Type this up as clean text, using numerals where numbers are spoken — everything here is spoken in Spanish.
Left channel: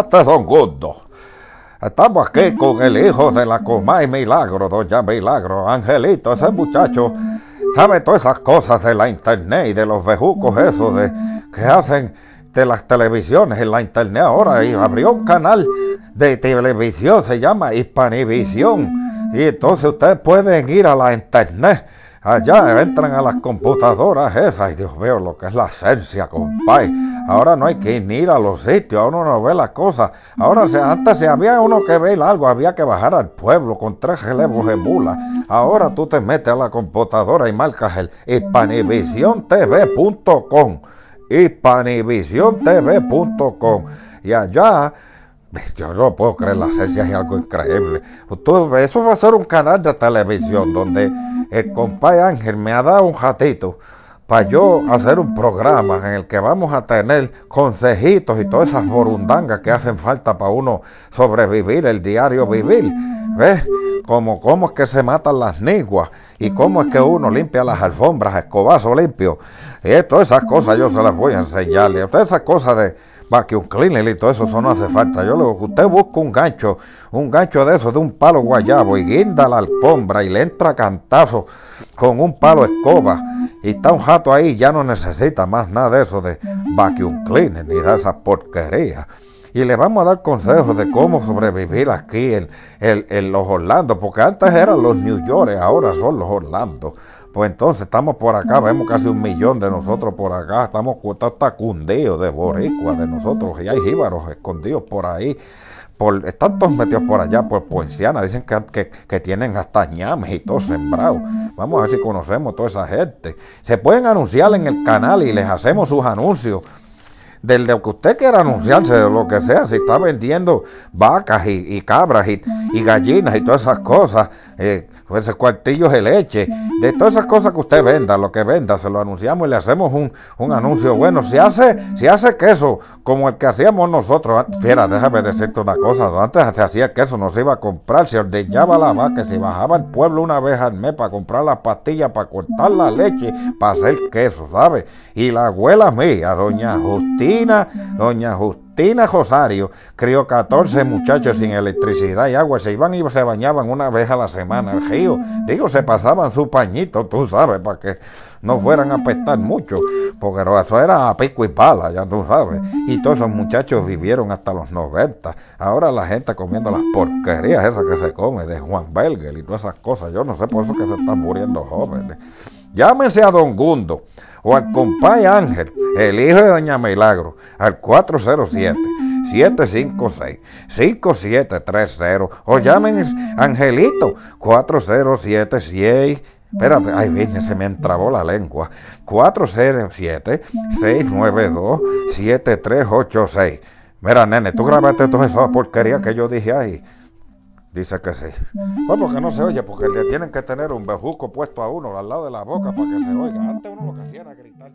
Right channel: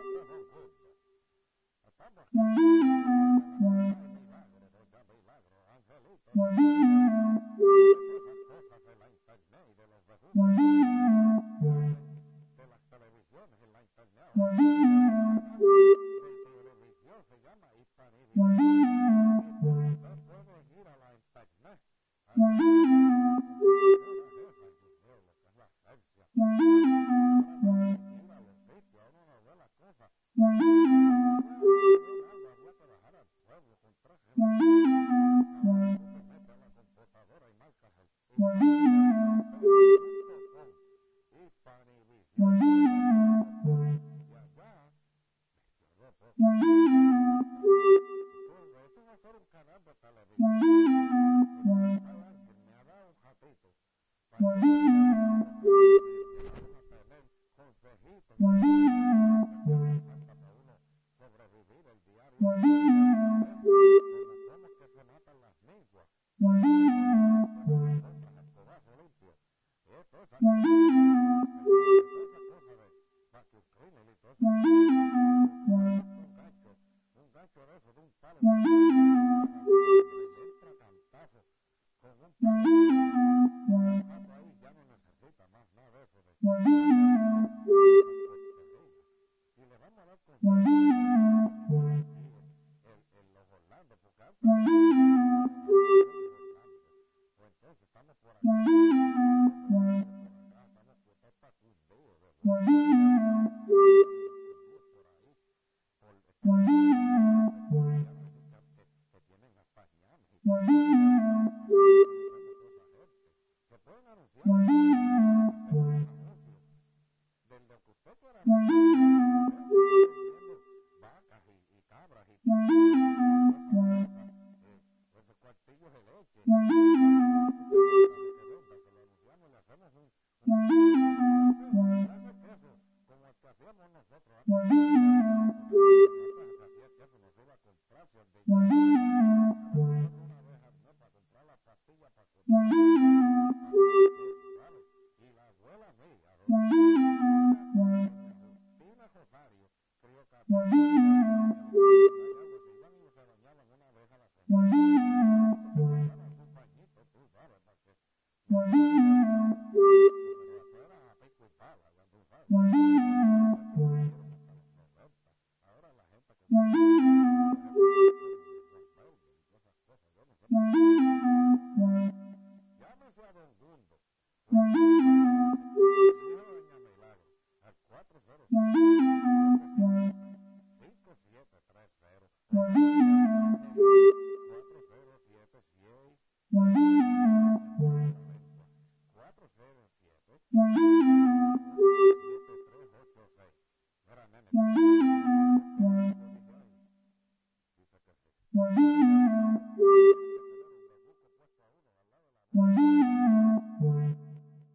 este Don Gundo. Estamos aquí con el hijo de la Comay Milagro, doña Milagro, Angelito, ese muchacho sabe todas esas cosas de la internet y de los bejucos esos que hacen de las televisiones en la internet ahora, y abrió un canal de televisión, se llama Hispanivisión, y entonces ustedes pueden ir a la internet. Allá entran a las computadoras esas, y Dios mío, lo que es la esencia, compadre. Ahora no hay que ni ir a los sitios, ahora uno no ve las cosas. Ahora, antes si había uno que ver algo, había que bajar al pueblo con 3 relevos de mula. Ahora tú te metes a la computadora y marcas el hispanivisiontv.com, hispanivisiontv.com, y allá... Yo no puedo creer, la esencia es algo increíble. Eso va a ser un canal de televisión donde el compadre Ángel me ha dado un ratito para yo hacer un programa en el que vamos a tener consejitos y todas esas borundangas que hacen falta para uno sobrevivir, el diario vivir. ¿Ves? Cómo es que se matan las niguas y cómo es que uno limpia las alfombras a escobazo limpio. Y todas esas cosas yo se las voy a enseñar. Y todas esas cosas de vacuum cleaner y todo eso no hace falta. Yo le digo que usted busca un gancho de eso, de un palo guayabo, y guinda la alfombra y le entra cantazo con un palo escoba, y está un jato ahí, ya no necesita más nada de eso de vacuum cleaner ni de esas porquerías. Y le vamos a dar consejos de cómo sobrevivir aquí en los Orlando, porque antes eran los New York, ahora son los Orlando. Pues entonces estamos por acá, vemos casi 1 millón de nosotros por acá, estamos cundidos de boricua de nosotros, y hay jíbaros escondidos por ahí, están todos metidos por allá, por Poinciana, dicen que tienen hasta ñames y todo sembrado. Vamos a ver si conocemos toda esa gente. Se pueden anunciar en el canal y les hacemos sus anuncios. De lo que usted quiera anunciarse, de lo que sea, si está vendiendo vacas y cabras y gallinas y todas esas cosas, pues cuartillos de leche, de todas esas cosas que usted venda, lo que venda, se lo anunciamos y le hacemos un anuncio bueno. Si hace queso como el que hacíamos nosotros, espera, déjame decirte una cosa, antes se hacía queso, no se iba a comprar, se ordeñaba la vaca, se bajaba al pueblo una vez al mes para comprar las pastillas, para cortar la leche, para hacer queso, ¿sabes? Y la abuela mía, doña Justina Rosario, crió 14 muchachos sin electricidad y agua, se iban y se bañaban una vez a la semana al río. Digo, se pasaban su pañito, tú sabes, para que no fueran a apestar mucho, porque eso era a pico y pala, ya tú sabes. Y todos esos muchachos vivieron hasta los 90. Ahora la gente comiendo las porquerías esas que se come de Juan Belger y todas esas cosas. Yo no sé por eso que se están muriendo jóvenes. Llámense a Don Gundo o al compadre Ángel, el hijo de doña Milagro, al 407-756-5730, o llamen a Angelito, 407-6, espérate, ay, viene, se me entrabó la lengua, 407-692-7386. Mira, nene, tú grabaste toda esa porquería que yo dije ahí. Dice que sí. Pues porque no se oye, porque le tienen que tener un bejuco puesto a uno al lado de la boca para que se oiga. Antes uno lo que hacía era gritar.